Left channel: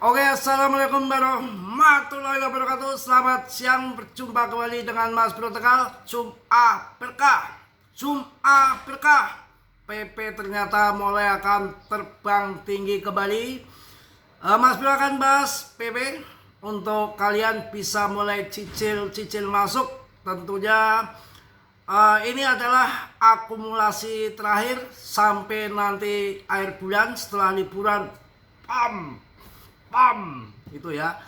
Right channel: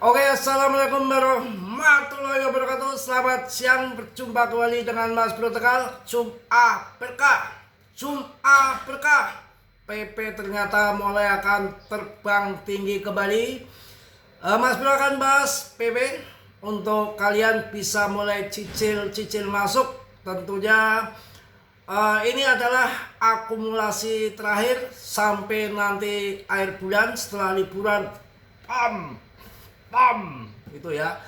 Oke, assalamualaikum warahmatullahi wabarakatuh. Selamat siang, berjumpa kembali dengan Mas Bro Tegal. Jum'ah berkah, Jum'ah berkah. PP ternyata mulai akan terbang tinggi kembali. Mas Bro akan bahas PP untuk kalian bisa mulai cicil masuk. Tentunya ini adalah akumulasi terakhir sampai nanti akhir bulan setelah liburan. Itu ya.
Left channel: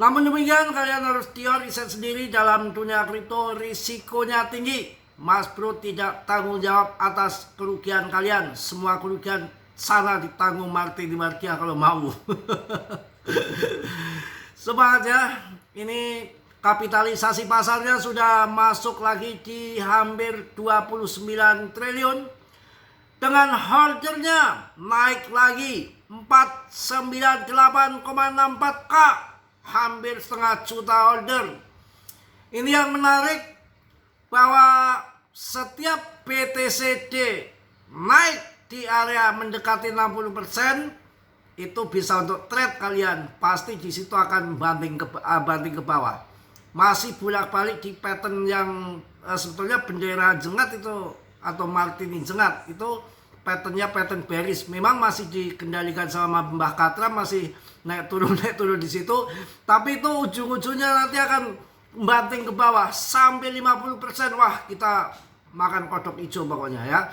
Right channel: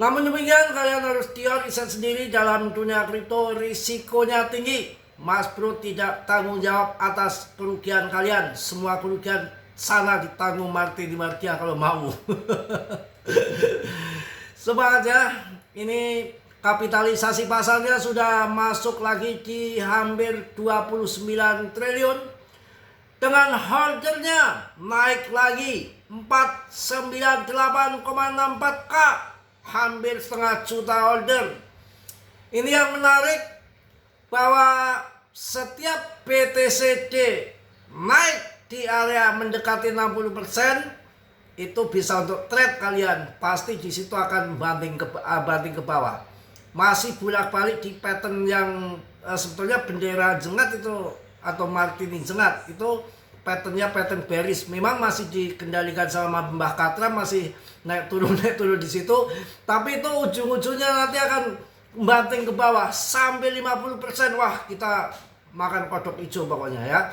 Namun demikian kalian harus riset sendiri. Dalam dunia kripto risikonya tinggi. Mas Bro tidak tanggung jawab atas kerugian kalian. Semua kerugian sana ditanggung Marty Dimartia kalau mau. Semangat ya. Ini kapitalisasi pasarnya sudah masuk lagi di hampir 29 triliun. Dengan holdernya naik lagi 498,64K, hampir setengah juta holder. Ini yang menarik bahwa setiap BTCD naik di area mendekati 60%, itu bisa untuk trade kalian. Pasti di situ akan banting ke bawah. Masih bolak-balik di pattern yang sebetulnya bendera jengat itu atau Martini jengat itu patternnya pattern bearish. Memang masih dikendalikan sama Mbah Katra, masih naik turun di situ. Tapi itu ujung-ujungnya nanti akan banting ke bawah sampai 50%. Wah, kita makan kodok hijau pokoknya ya.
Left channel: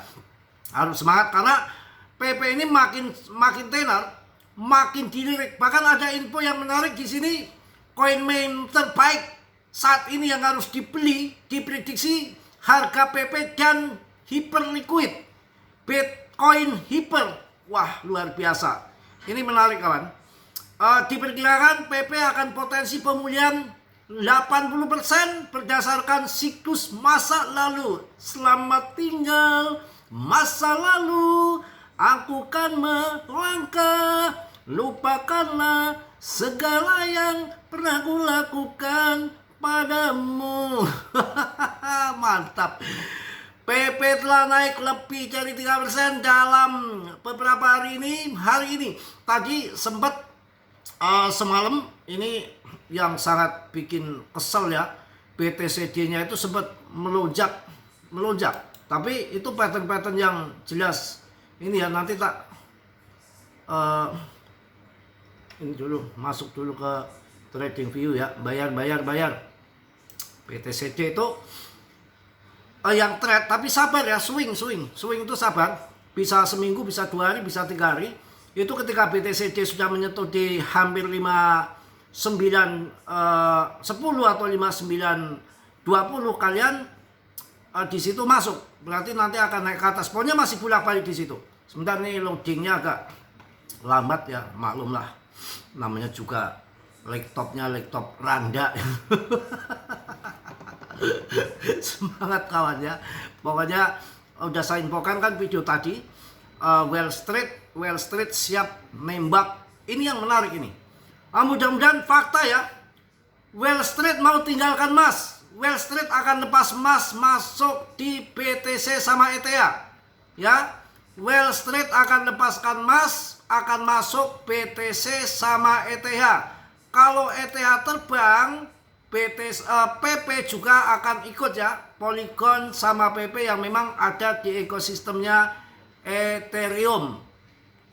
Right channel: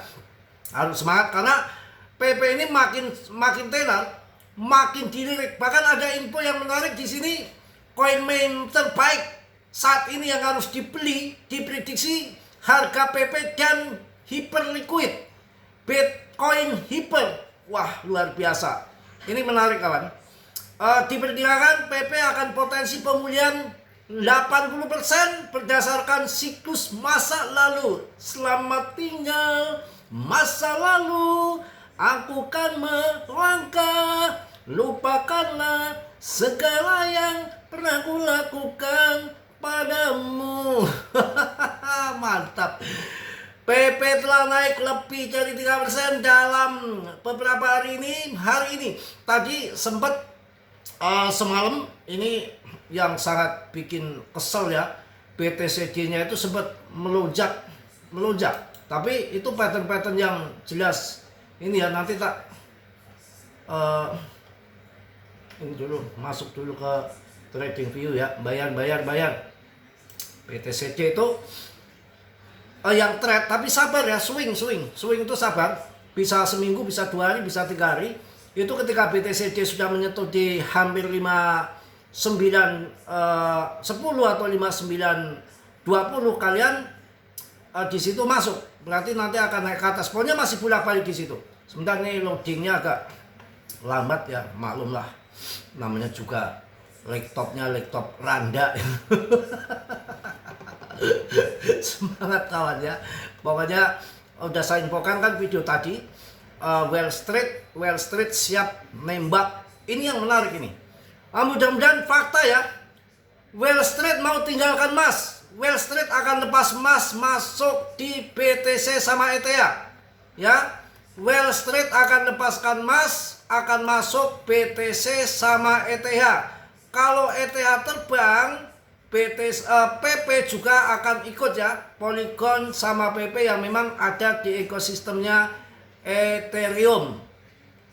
Harus semangat karena PP ini makin tenar, makin dilirik. Bahkan ada info yang menarik di sini, koin main terbaik saat ini yang harus dibeli diprediksi harga PP dan hyperliquid Bitcoin hyper. Wah, luar biasa. Ini menarik kawan. Diperkirakan PP akan potensi pemulihan 80% berdasarkan siklus masa lalu. Selamat tinggal masa lalu, aku kan melangkah, lupakanlah segala yang pernah kulakukan padamu. Mantap. PP telah naik lebih dari 3% dalam beberapa hari ini. Tadi sempat semalam ini yang sangat bikin kesel ya. BTCD-nya itu sempat melonjak. Tapi itu pattern-pattern yang jelas. Ini ya nanti tak ini dulu masuk dulu ke trading view ya. Bayar. BTCD itu yang trade, tapi sabar ya, swing itu sabar, bisa seminggu, bisa 2 hari, bisa 3 hari. Itu ketika BTCD sudah menyentuh di hampir 5910 atau 5920, kalian di situ masuk, berarti nanti akan naik ke atas. Pokoknya masih bolak-balik di situ. Sebentar nih loadingnya agak lambat ya, maklum lah, namanya juga laptop Randa. Semangat kawan ya. Pokoknya udah saya infokan kan video tadi, Wall Street siap nembak. Ini yang menarik ini. Mudah-mudahan fakta ya. Wall Street mau tinggalkan emas. Wall Street akan lepas emas masuk di BTC sama ETH. Ya. Wall Street akan lepaskan emas, akan masuk BTC sama ETH. Kalau ETH terbang, PP juga akan ikut ya. Polygon sama PP yang memang ada di ekosistemnya Ethereum.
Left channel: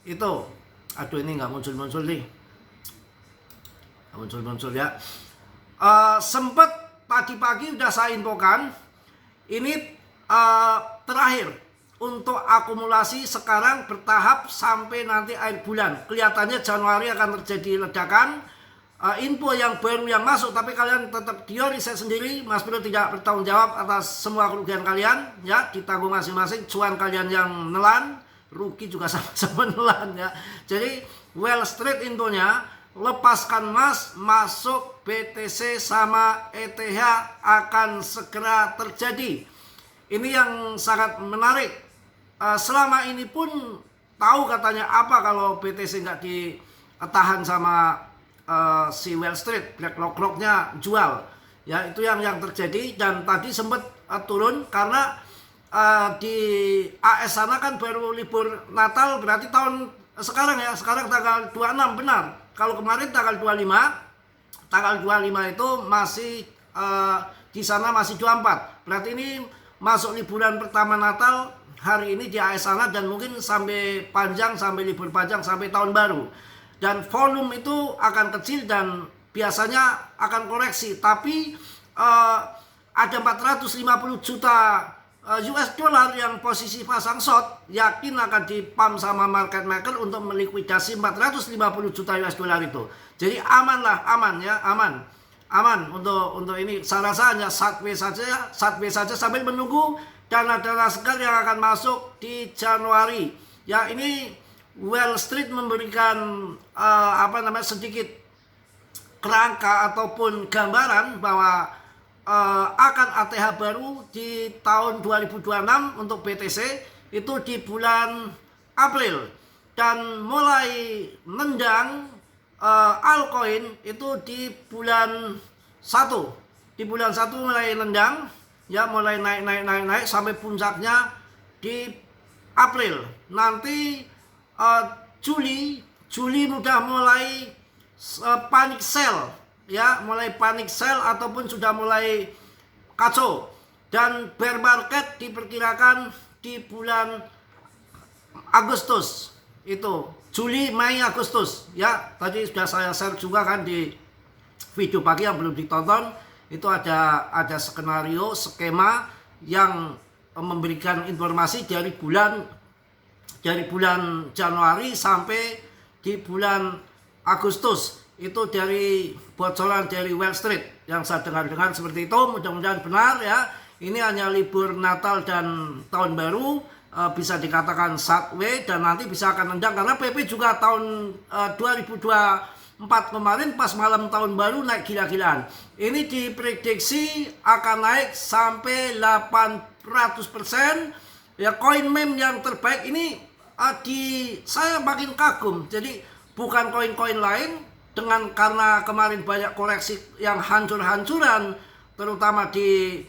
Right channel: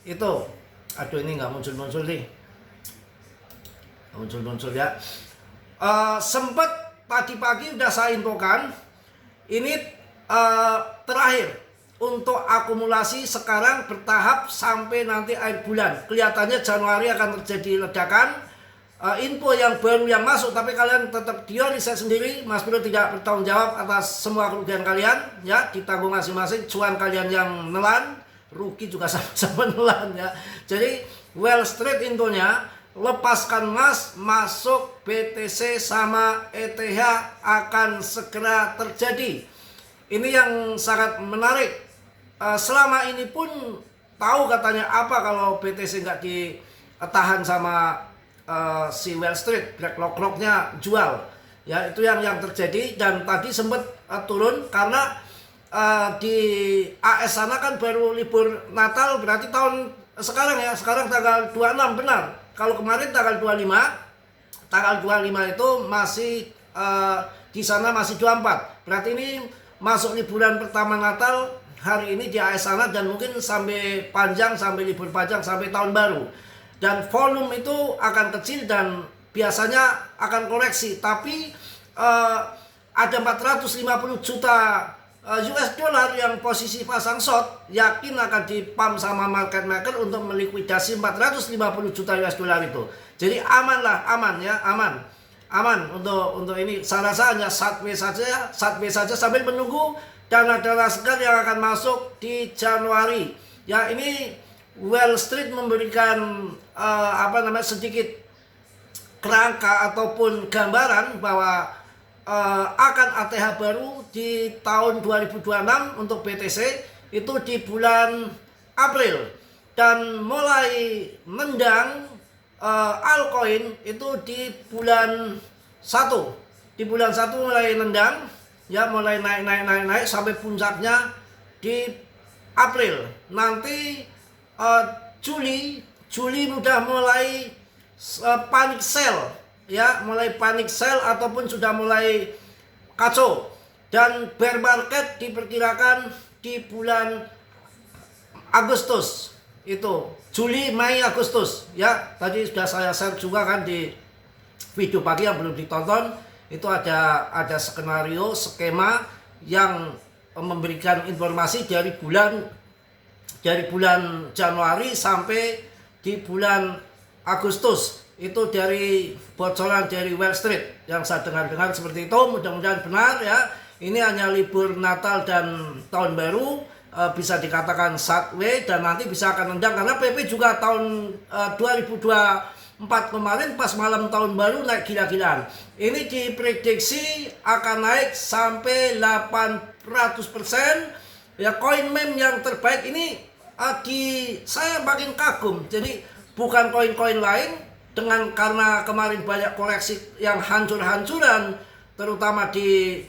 Itu. Aduh, ini nggak muncul nih. Nggak muncul ya. Sempet tadi pagi udah saya infokan. Ini terakhir untuk akumulasi, sekarang bertahap sampai nanti akhir bulan. Kelihatannya Januari akan terjadi ledakan. Info yang baru yang masuk, tapi kalian tetap riset sendiri. Mas Bro tidak bertanggung jawab atas semua kerugian kalian ya, ditanggung masing-masing. Cuan kalian yang nelan, rugi juga sama-sama nelan ya. Jadi Wall Street infonya lepaskan emas masuk BTC sama ETH akan segera terjadi. Ini yang sangat menarik. Selama ini pun tahu katanya apa kalau BTC nggak ditahan sama si Wall Street, BlackRock-nya jual ya, itu yang terjadi. Dan tadi sempat turun karena di AS sana kan baru libur Natal, berarti tahun sekarang ya, sekarang tanggal 26 benar. kalau kemarin tanggal 25 itu masih di sana masih 24. Berarti ini masuk liburan pertama Natal hari ini di AS sana, dan mungkin sampai libur panjang sampai tahun baru. Dan volume itu akan kecil dan biasanya akan koreksi, tapi ada 450 juta US dollar yang posisi pasang short, yakin akan dipump sama market maker untuk melikuidasi 450 juta US dollar itu. Jadi aman untuk ini. Saya rasa hanya sideways saja sambil menunggu dana-dana segar yang akan masuk di Januari. Ya, ini Wall Street memberikan sedikit kerangka ataupun gambaran bahwa akan ATH baru di tahun 2026 untuk BTC itu di bulan April, dan mulai nendang altcoin itu di bulan 1. Di bulan 1 mulai nendang, ya, mulai naik sampai puncaknya di April. Nanti Juli udah mulai panic sell, ya, mulai panic sell ataupun sudah mulai kacau, dan bear market diperkirakan di bulan Agustus. Itu Juli, Mei, Agustus, ya. Tadi sudah saya share juga kan di video pagi yang belum ditonton. Itu ada skema yang memberikan informasi dari bulan Januari sampai di bulan Agustus. Itu dari bocoran dari Wall Street yang saya dengar seperti itu. Mudah-mudahan benar, ya. Ini hanya libur Natal dan tahun baru, bisa dikatakan sideways, dan nanti bisa akan nendang karena PP juga tahun 2024 kemarin pas malam tahun baru naik gila-gilaan. Ini diprediksi akan naik sampai 800%. Ya, koin meme yang terbaik ini saya makin kagum. Jadi bukan koin-koin lain, karena kemarin banyak koreksi yang hancur-hancuran terutama di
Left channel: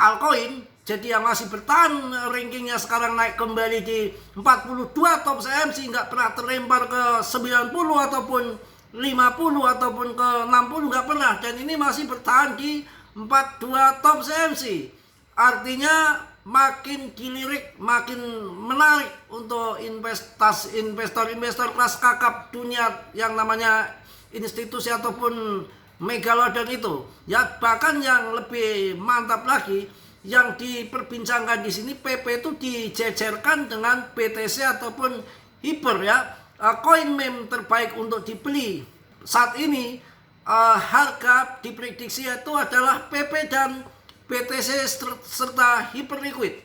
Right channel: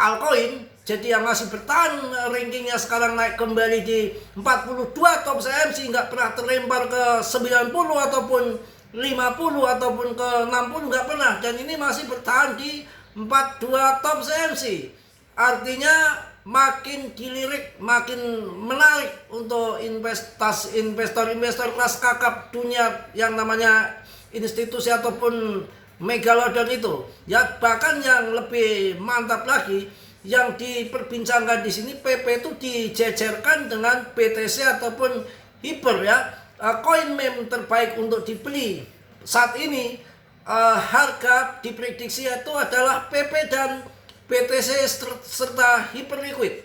altcoin, jadi yang masih bertahan rankingnya sekarang naik kembali di 42 top CMC, nggak pernah terlempar ke 90 ataupun 50 ataupun ke 60, nggak pernah, dan ini masih bertahan di 42 top CMC. Artinya makin dilirik, makin menarik untuk investor kelas kakap dunia yang namanya institusi ataupun megalodon itu. Ya, bahkan yang lebih mantap lagi yang diperbincangkan di sini, PP itu dijejerkan dengan BTC ataupun Hyper, ya. Koin meme terbaik untuk dibeli saat ini, harga diprediksi itu adalah PP dan BTC serta Hyperliquid.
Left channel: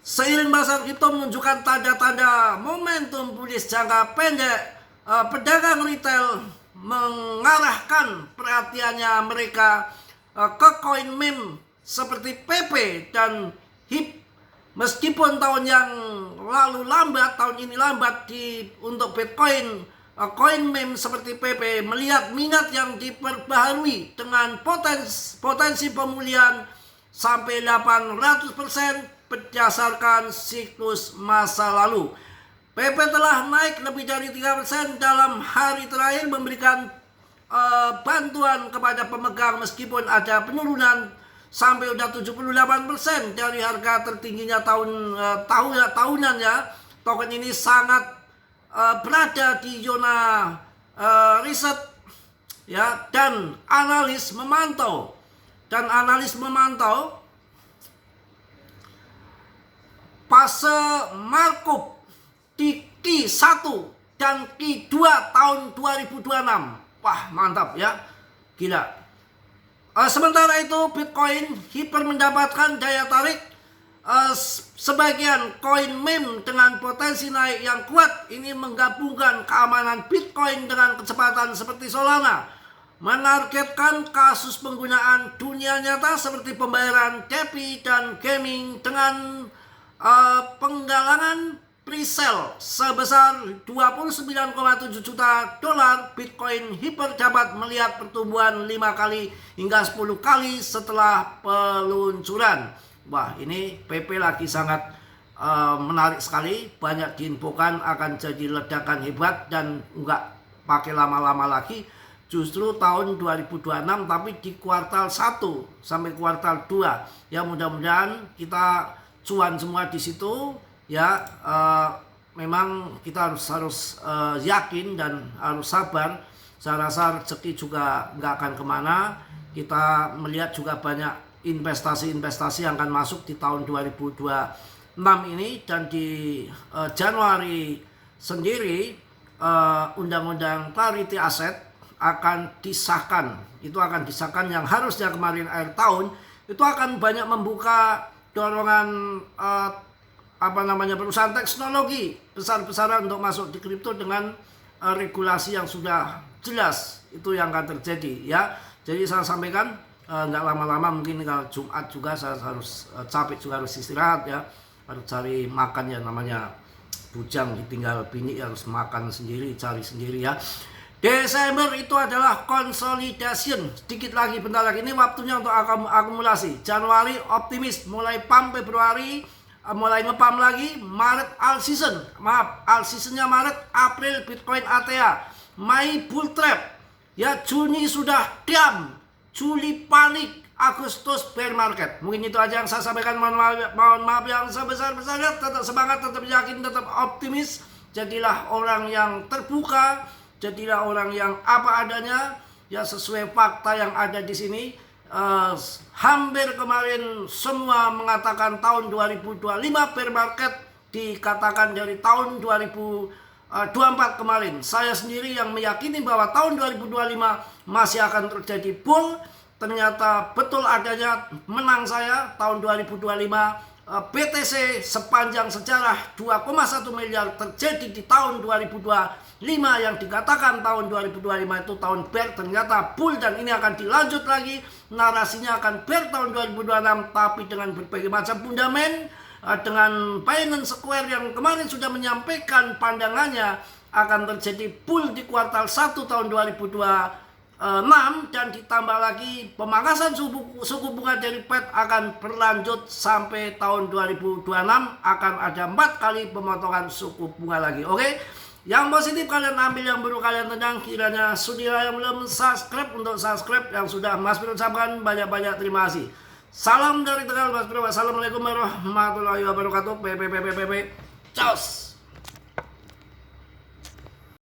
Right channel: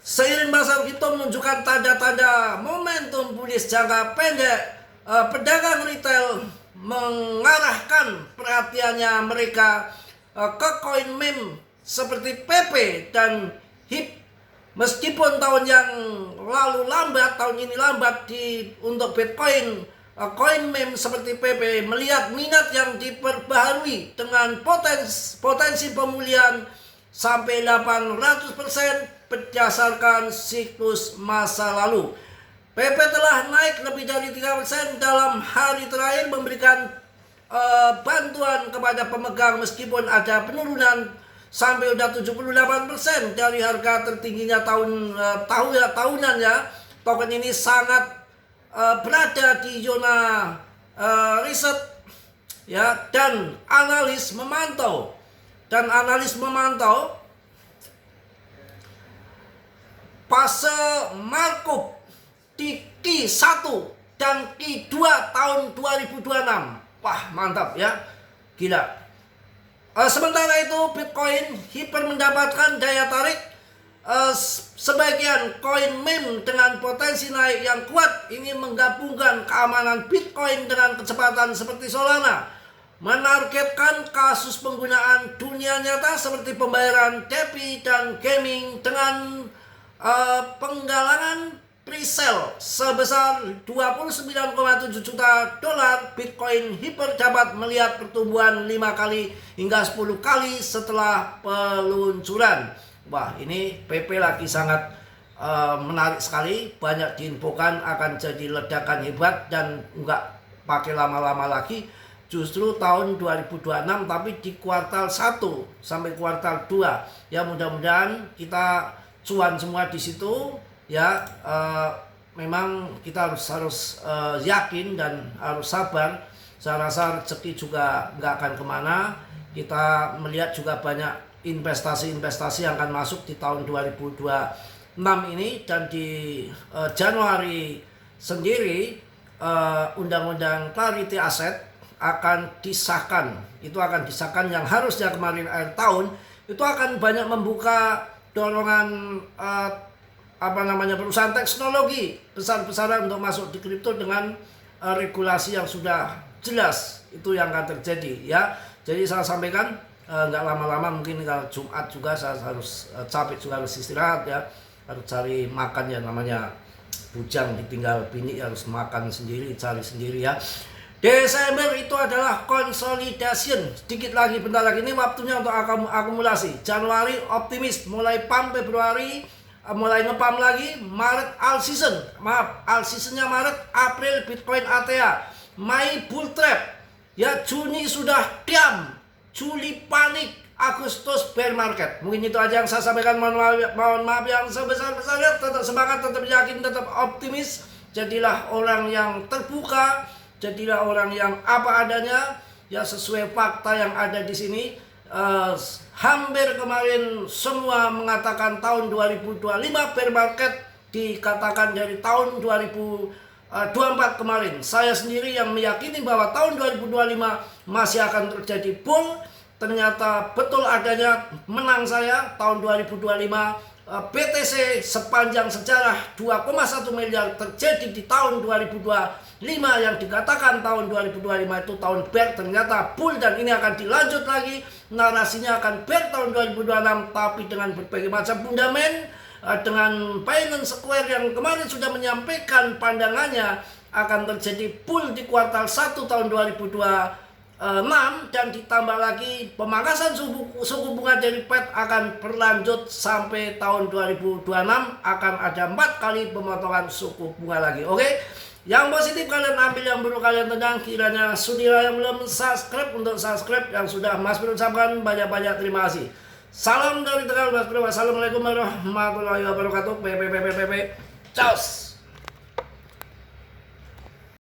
Seiring pasar kripto menunjukkan tanda-tanda momentum bullish jangka pendek, pedagang retail mengarahkan perhatiannya mereka ke koin meme seperti PP dan HIP. Meskipun tahun yang lalu lambat, tahun ini lambat untuk Bitcoin, koin meme seperti PP melihat minat yang diperbaharui dengan potensi pemulihan sampai 800% berdasarkan siklus masa lalu. PP telah naik lebih dari 3% dalam hari terakhir, memberikan bantuan kepada pemegang meskipun ada penurunan sampai udah 78% dari harga tertingginya tahunan, ya. Token ini sangat berada di zona riset, ya, dan analis memantau fase markup di Q1 dan Q2 tahun 2026. Wah, mantap, ya, gila. Sementara itu Bitcoin Hyper mendapatkan daya tarik. Sebagian koin meme dengan potensi naik yang kuat ini menggabungkan keamanan Bitcoin dengan kecepatan seperti Solana, menargetkan kasus penggunaan dunia nyata seperti pembayaran DeFi dan gaming dengan penggalangan presale sebesar 29,7 juta dolar. Bitcoin Hyper dapat melihat pertumbuhan 5 kali hingga 10 kali setelah peluncuran. Wah, ini PP lagi sangat menarik sekali, banyak diinfokan akan jadi ledakan hebat dan pakai lama-lama lagi, justru tahun 2026 tapi di kuartal 1 sampai kuartal 2. Ya mudah-mudahan kita cuan semua di situ ya. Memang kita harus yakin dan harus sabar. Saya rasa rezeki juga nggak akan kemana. Kita melihat juga banyak investasi-investasi yang akan masuk di tahun 2026 ini. Dan di Januari sendiri undang-undang clarity asset akan disahkan. Itu akan disahkan yang harusnya kemarin akhir tahun. Itu akan banyak membuka dorongan perusahaan teknologi besar-besaran untuk masuk di kripto dengan regulasi yang sudah jelas. Itu yang akan terjadi ya. Jadi saya sampaikan nggak lama-lama, mungkin kalau Jumat juga saya harus capek juga, harus istirahat ya, harus cari makan ya, namanya bujang ditinggal bini harus makan sendiri, cari sendiri ya. Desember itu adalah consolidation, sedikit lagi, bentar lagi ini waktunya untuk akumulasi. Januari optimis, mulai pump Februari mulai ngepam lagi, Maret all season, all seasonnya Maret, April Bitcoin ATA, Mei bull trap, ya Juni sudah diam, Juli panik, Agustus bear market. Mungkin itu aja yang saya sampaikan. Mohon maaf yang sebesar-besarnya. Tetap semangat, tetap yakin, tetap optimis. Jadilah orang yang terbuka, jadilah orang yang apa adanya, ya sesuai fakta yang ada di sini. Hampir kemarin semua mengatakan tahun 2025 bear market, dikatakan dari tahun 2024 kemarin. Saya sendiri yang meyakini bahwa tahun 2025 masih akan terjadi bull. Ternyata betul adanya, menang saya tahun 2025. BTC sepanjang sejarah 2,1 miliar terjadi di tahun 2025, yang dikatakan tahun 2025 itu tahun bear, ternyata bull, dan ini akan dilanjut lagi, narasinya akan bear tahun 2026 tapi dengan berbagai macam fundament. Dengan Binance Square yang kemarin sudah menyampaikan pandangannya akan terjadi bull di kuartal 1 tahun 2026, dan ditambah lagi pemangkasan suku bunga dari Fed akan berlanjut sampai tahun 2026, akan ada 4 kali pemotongan suku bunga lagi. Oke, yang positif kalian ambil, yang buruk kalian tendang. Kiranya sudilah yang belum subscribe untuk subscribe, yang sudah Mas Bro ucapkan banyak-banyak terima kasih. Salam dari Tegal Mas Bro. Wassalamualaikum warahmatullahi wabarakatuh. Ciao.